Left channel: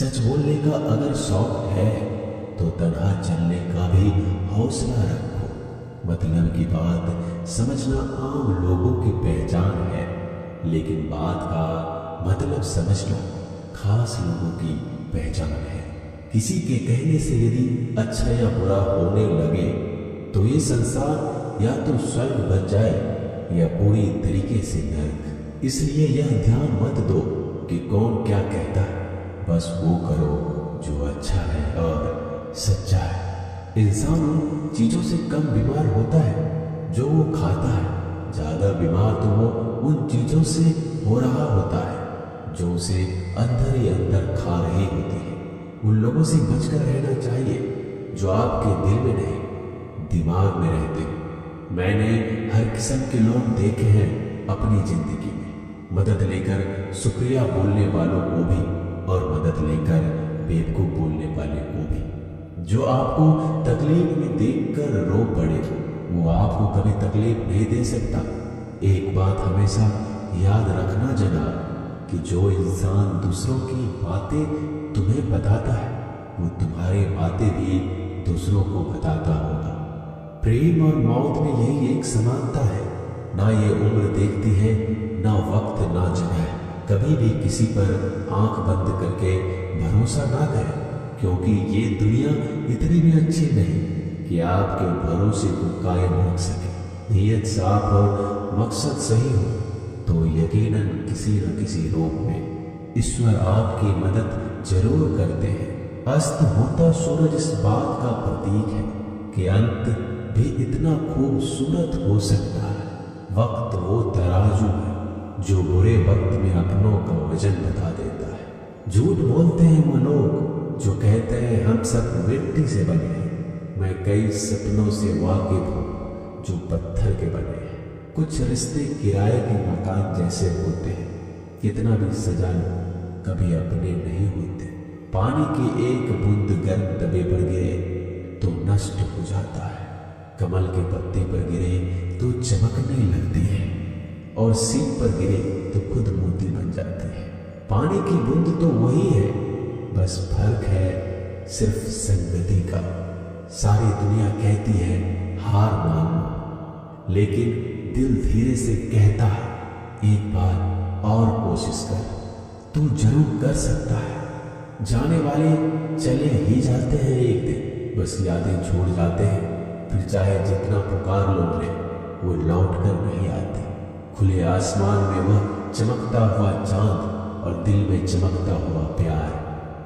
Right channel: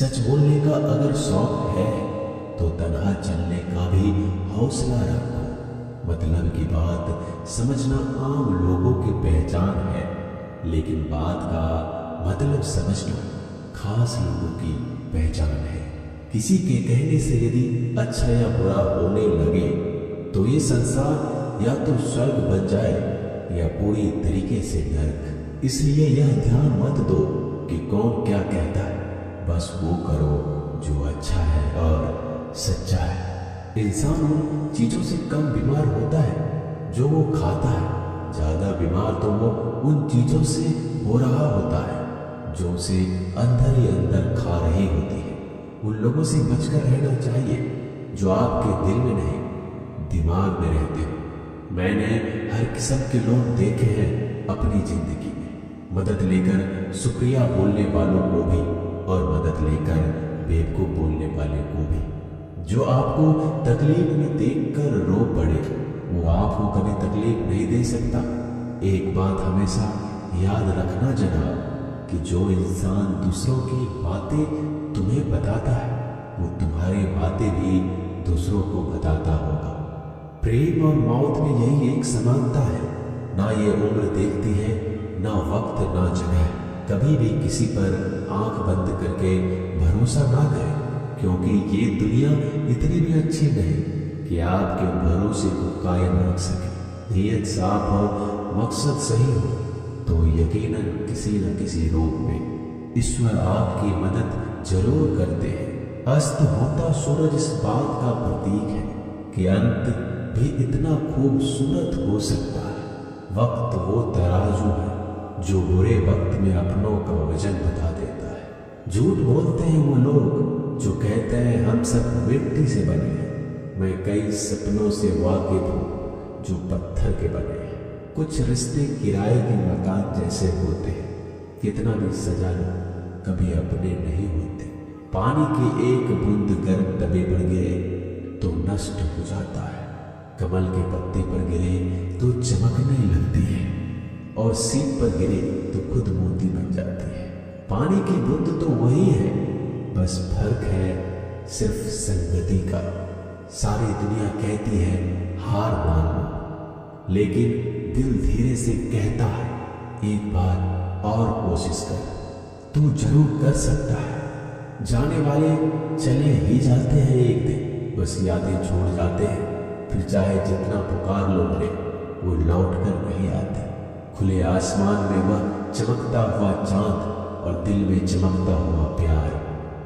सच बोलने का अगर शौक है तो तन्हा चलने का भी हौसला रखो। मतलब की बात समझना आम लोगों की पहचान है, लेकिन बात का मतलब समझना खास लोगों की पहचान है। किसी के कहने से यदि अच्छा या बुरा होने लगे तो ये संसार या तो स्वर्ग बन जाए या पूरी तरीके से नर्क। इसलिए यह ध्यान मत दो कि कौन क्या कहता है, बस वो करो जो अच्छा है और सच्चा है। इंसान उन चीज़ों से कम बीमार होता है जो वो खाता है, ज़्यादा बीमार तो वो उन चीज़ों से हो रहा होता है जो उसे अंदर ही अंदर खा रही होती है। उन लोगों से बचकर रहना चाहिए जो आपके दिल में नहीं दिमाग में रहते हैं। मैंने हर किस्म के लोग देखे हैं अपनी जिंदगी में, मदद लेकर शुक्रिया बोलने वालों को भी और मदद लेकर बेवकूफ बोलने वाले को भी। जो आपको तकलीफ में देखकर रो पड़े वो आपको कभी तकलीफ नहीं दे सकता। एक बात हमेशा याद रखना जनाब कि जो इंसान दूसरों की बातें तुम्हें बताता है वो तुम्हारी बातें भी दूसरों को बताता होगा। प्रेम और मौत में यही एक समानता है, ना ये उम्र देखती है, ना वक्त, ना जगह। कभी भी किसी पर आंख बंद करके भरोसा ना करें, क्योंकि ये दुनिया इतनी भी अच्छी नहीं कि आपके भरोसे को कायम रख सके। नीयत साफ और मकसद सही हो तो यकीनन किसी न किसी रूप में ईश्वर आपकी मदद जरूर करते हैं। अस्त होता सूरज इस बात का प्रतीक है कि अंत भी इतना खूबसूरत हो सकता है। वक्त वो तराजू है जो बुरे वक्त में अपनों का वजन बता देता है। झूठ बोलते हैं वो लोग जो कहते हैं हम सब मिट्टी से बने हैं। मैं कई सपनों से वाकिफ हूँ जो पत्थर के बने हैं। कुछ रिश्ते किराए के मकान जैसे होते हैं, कितना भी सजा लो कभी अपने नहीं होते। पानी की एक बूंद गर्म तवे पर गिरे तो नष्ट हो जाता है, कमल के पत्ते पर गिरे तो चमकने लगती है और सीप पर गिरे तो खुद मोती बन जाती है। पानी की बूंद तो वही है, बस फर्क है सिर्फ संगति का। सारी दुनिया कहती है हार मान लो, लेकिन दिल धीरे से कहता है एक बार और कोशिश कर, तू जरूर कर सकता है। जाने वाले चले ही जाते हैं एक दिन, बस यादें छोड़ जाते हैं। फिर चाहे जितना पुकार लो उन्हें, वो लौट कर नहीं आते। खुले आसमान में वह चमकता हुआ चांद और दिल में चमकता हुआ प्यार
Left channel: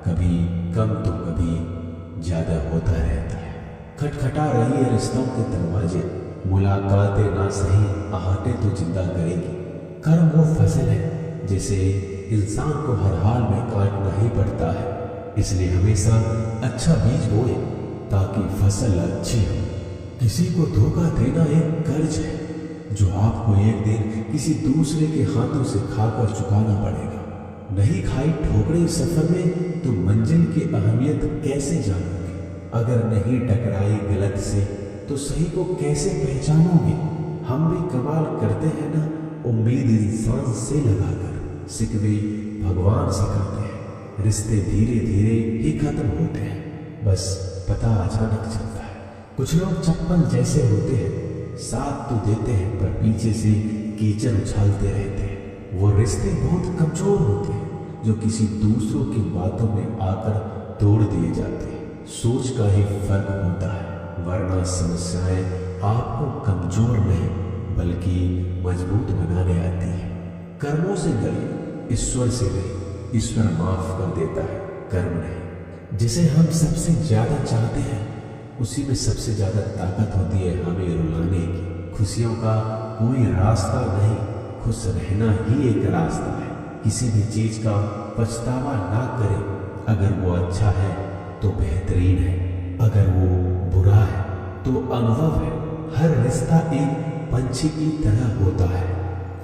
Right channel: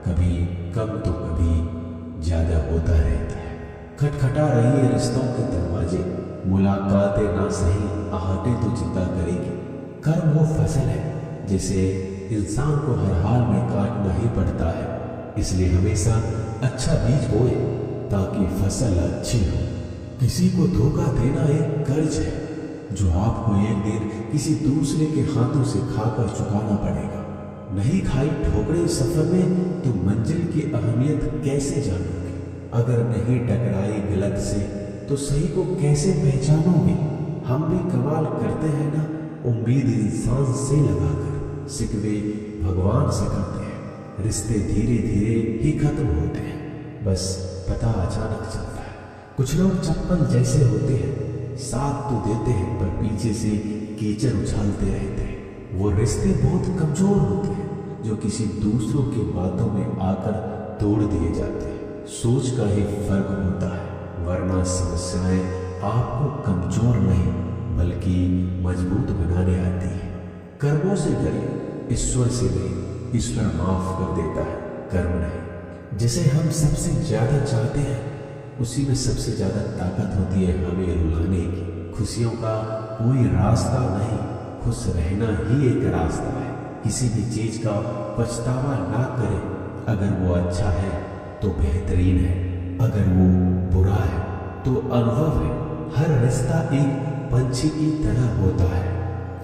कभी कम तो कभी ज्यादा होता रहता है। खटखटा रही है रिश्तों के दरवाजे, मुलाकातें ना सही आहटें तो जिंदा करेगी। कर्म वो फसल है जिसे इंसान को हर हाल में काटना ही पड़ता है। इसलिए हमेशा अच्छा बीज बोए ताकि फसल अच्छी हो। किसी को धोखा देना एक कर्ज है जो आपको एक दिन किसी दूसरे के हाथों से खाकर चुकाना पड़ेगा। नहीं खाई ठोकरें सफर में तो मंजिल की अहमियत कैसे जानोगे? अगर नहीं टकराई गलत से तो सही को कैसे पहचानोगे? हम भी कमाल करते हैं ना, उम्मीद इंसान से लगाकर सिकवे भगवान से करते हैं। रिश्ते धीरे धीरे ही खत्म होते हैं, बस पता अचानक चलता है। कुछ लोग चप्पल जैसे होते हैं, साथ तो देते हैं पर पीछे से कीचड़ उछालते रहते हैं। वो रिश्ते बहुत कमजोर होते हैं जो किसी दूसरों की बातों में आकर तोड़ दिए जाते हैं। सोच का ही फर्क होता है, वरना समस्याएं आपको कमजोर नहीं बल्कि मजबूत बनाने आती है। कर्मों से डरिए, ईश्वर से नहीं। ईश्वर माफ कर देता है, कर्म नहीं। जिसे हम सबसे ज्यादा चाहते हैं उसी में सबसे ज्यादा ताकत होती है हमें रुलाने की। खुशियों का कोई रास्ता नहीं, खुश रहना ही एक रास्ता है। किसी भी चीज का पछतावा ना करें। अगर वो अच्छा है तो बेहतरीन है, अगर वो बुरा है तो अनुभव है। हर रिश्ता एक पंछी की तरह होता है,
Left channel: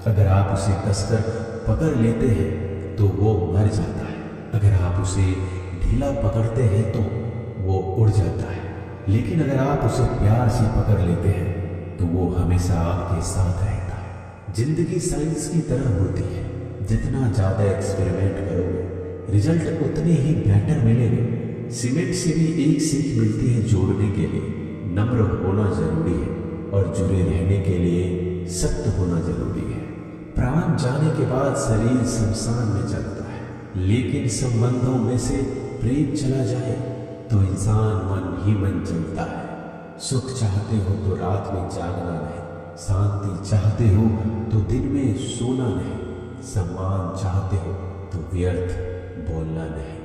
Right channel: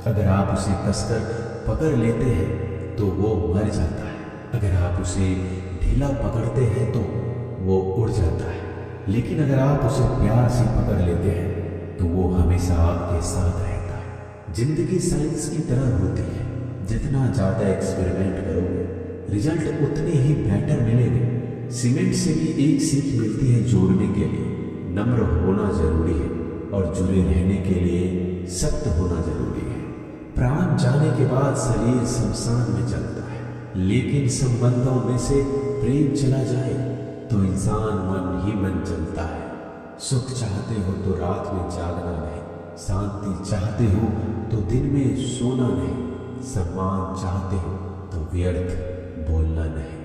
अगर आप उसे कसकर पकड़ लेते हैं तो वो मर जाता है, अगर आप उसे ढीला पकड़ते हैं तो वो उड़ जाता है, लेकिन अगर आप उसे प्यार से पकड़ लेते हैं तो वो हमेशा आपके साथ रहता है। जिंदगी साइंस की तरह होती है, जितना ज़्यादा एक्सपेरिमेंट करोगे रिजल्ट उतने ही बेटर मिलेंगे। सीमेंट से भी एक सीख मिलती है जोड़ने के लिए नम्र होना जरूरी है और जुड़े रहने के लिए सख्त होना जरूरी है। प्राण जाने के बाद शरीर शमशान में चलता है, लेकिन संबंधों में से प्रेम चला जाए तो इंसान मन ही मन चलता है। सुख चाहते हो तो रात में जागना नहीं, शांति चाहते हो तो दिन में सोना नहीं, सम्मान चाहते हो तो व्यर्थ बोलना नहीं,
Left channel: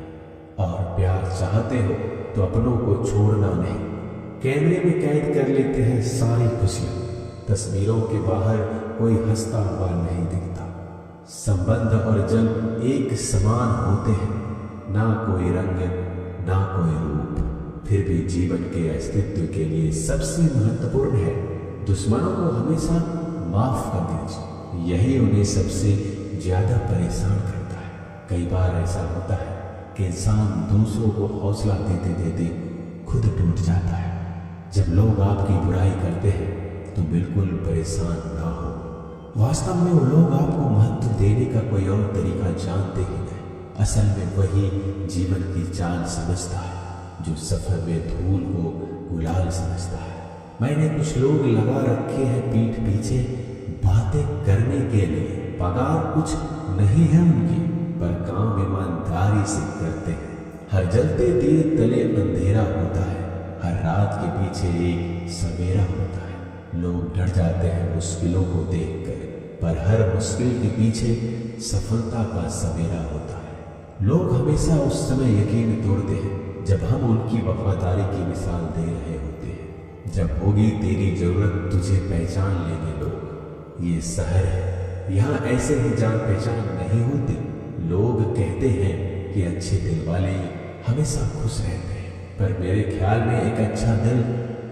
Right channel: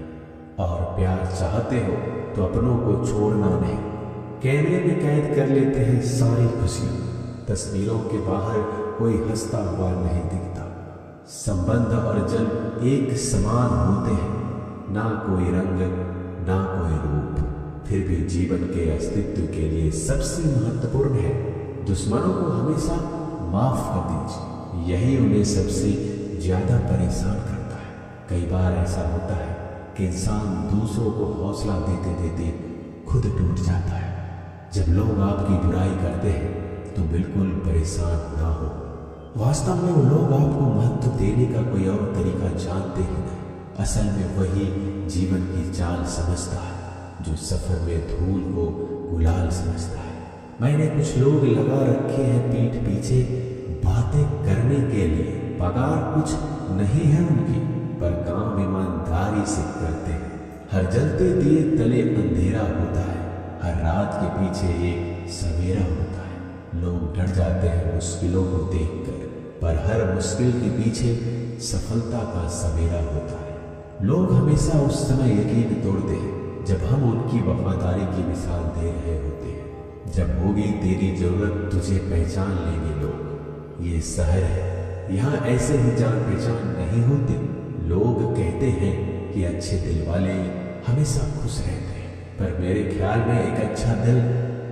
और प्यार चाहते हो तो अपनों को छोड़ना नहीं। कैमरे में कैद कर लेते हैं सारी खुशियाँ, तस्वीरों के बाहर कोई हंसता हुआ नहीं दिखता। संबंध और जल एक समान होते हैं, ना कोई रंग ना कोई रूप, फिर भी जीवन के अस्तित्व के लिए सबसे महत्वपूर्ण है दुश्मनों को हमेशा माफ कर दीजिए, यही उन्हें सबसे ज्यादा परेशान करता है। कई बार ऐसा होता है कि इंसान दूसरों को हौसला देते देते खुद टूट जाता है। जब लोग आपकी बुराई करते हैं तो बिल्कुल परेशान ना हो, वास्तव में वो लोग आपको महत्व देने का कोई और तरीका जानते ही नहीं। असल में वही जीवन की चाल समझता है जो सफर में धूल को गुलाल समझता है। मैंने कुछ लोग लगा रखे हैं पीठ पीछे बातें करने के लिए, पगार कुछ नहीं है उनकी, पर काम ईमानदारी से करते हैं। हर जलते दिए तले अंधेरा होता है, हर रात के पीछे एक सवेरा होता है। लोग डर जाते हैं मुश्किलों को देखकर, पर हर मुश्किल के पीछे सफलता का सवेरा होता है। लोग हमेशा उस समय यकीन तोड़ते हैं जब हम उनकी वफादारी की मिसाल दे रहे होते हैं। जब होगी तेरी जरूरत तुझे पहचान लेंगे लोग। ये शहर है, यहाँ ऐसे ही जान पहचान नहीं होते। लोग कहते हैं कि अच्छे दिल वाले हमेशा खुश रहते हैं, पर मेरे ख्याल में एक अच्छा दिल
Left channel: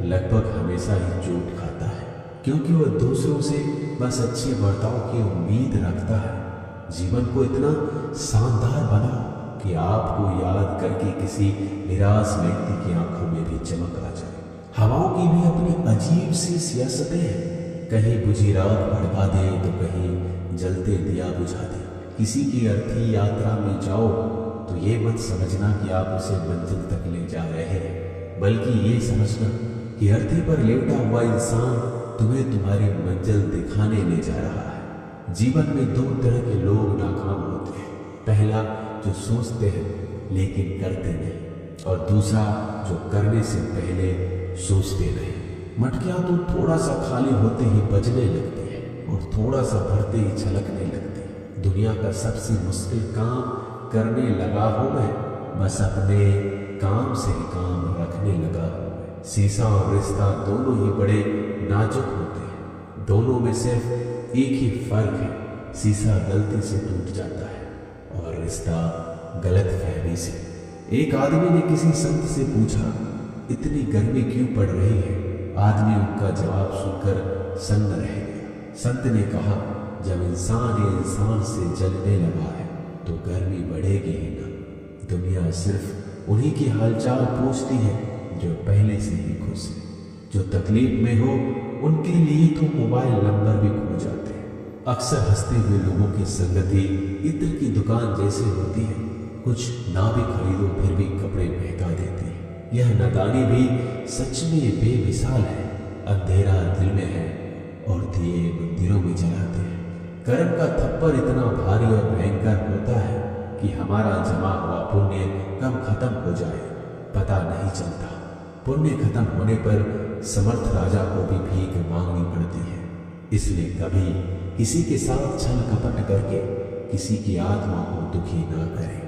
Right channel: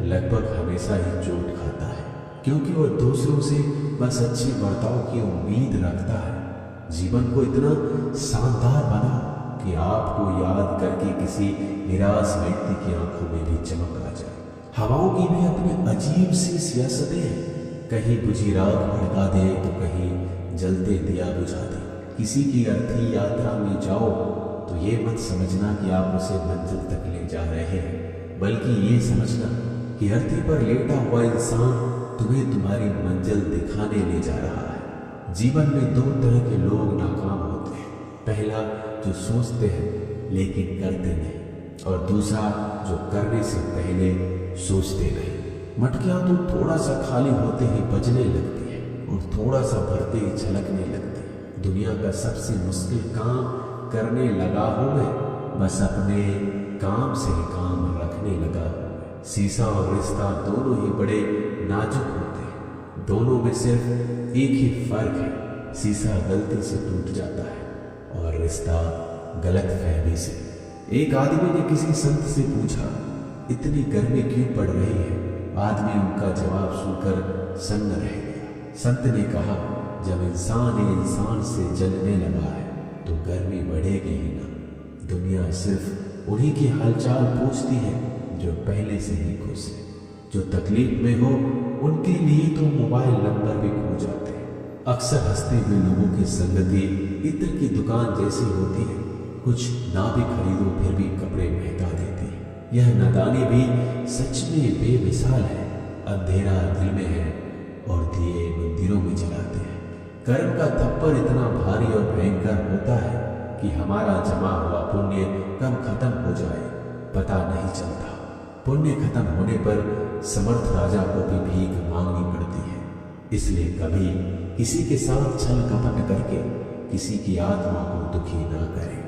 लगभग हमेशा ही चोट खाता है, क्योंकि वह दूसरों से बस अच्छे बर्ताव की उम्मीद रखता है। जीवन को इतना शानदार बनाओ कि आपको याद करके किसी निराश व्यक्ति की आंखों में भी चमक आ जाए। हवाओं की भी अपनी अजीब सी सियासतें हैं, कहीं बुझी राख भड़का दे तो कहीं जलते दिया बुझा दे। किसी की अर्थी यात्रा में जाओ तो ये मत समझना कि आप उसे मंजिल तक ले जा रहे हैं, बल्कि ये समझना कि अर्थी पर लेटा हुआ इंसान तुम्हें तुम्हारी मंजिल दिखाने ले जा रहा है। जीवन में दो तरह के लोग नाकाम होते हैं, पहला जो सोचते हैं लेकिन करते नहीं, और दूसरा जो करने से पहले सोचते नहीं। मटकियाँ तो थोड़ा सा खाली होते ही बजने लगती है और थोड़ा सा भरते ही छलकने लगती है। दुनिया का सबसे मुश्किल काम करने लगा हूँ मैं, बस अपने काम से ही काम रखने लगा हूँ मैं। शीशा और रिश्ता दोनों ही बड़े नाजुक होते हैं, दोनों में सिर्फ एक ही फर्क है, शीशा गलती से टूट जाता है और रिश्ता गलत फहमी से। एक आदमी ने किसी संत से पूछा, इतनी गर्मी क्यों पड़ रही है? आदमी उनका जवाब सुनकर सन्न रह गया। संत ने कहा, जब इंसान से जलने लगा है तो गर्मी बढ़ेगी ही ना। दुनिया सिर्फ उन्हीं की हालचाल पूछती है जो पहले से ही खुश है। जो तकलीफ में हो उनके लिए तो मोबाइल नंबर भी खो जाते हैं। अक्सर हंसते हुए लोगों की संगति इत्र की दुकान जैसी होती है, कुछ ना भी खरीदो फिर भी कपड़े महका देती है। यह नादानी भी सच में बेमिसाल है। अंधेरा दिल में है और दिए मंदिरों में जलाते हैं। कर्म का थप्पड़ इतना भारी और भयंकर होता है कि हमारा जमा हुआ पुण्य कब खत्म हो जाए पता नहीं चलता। पुण्य खत्म होने पर समर्थ राजा को भी भीख मांगनी पड़ती है। इसलिए कभी किसी के साथ छल कपट करके किसी की आत्मा को दुखी ना करें।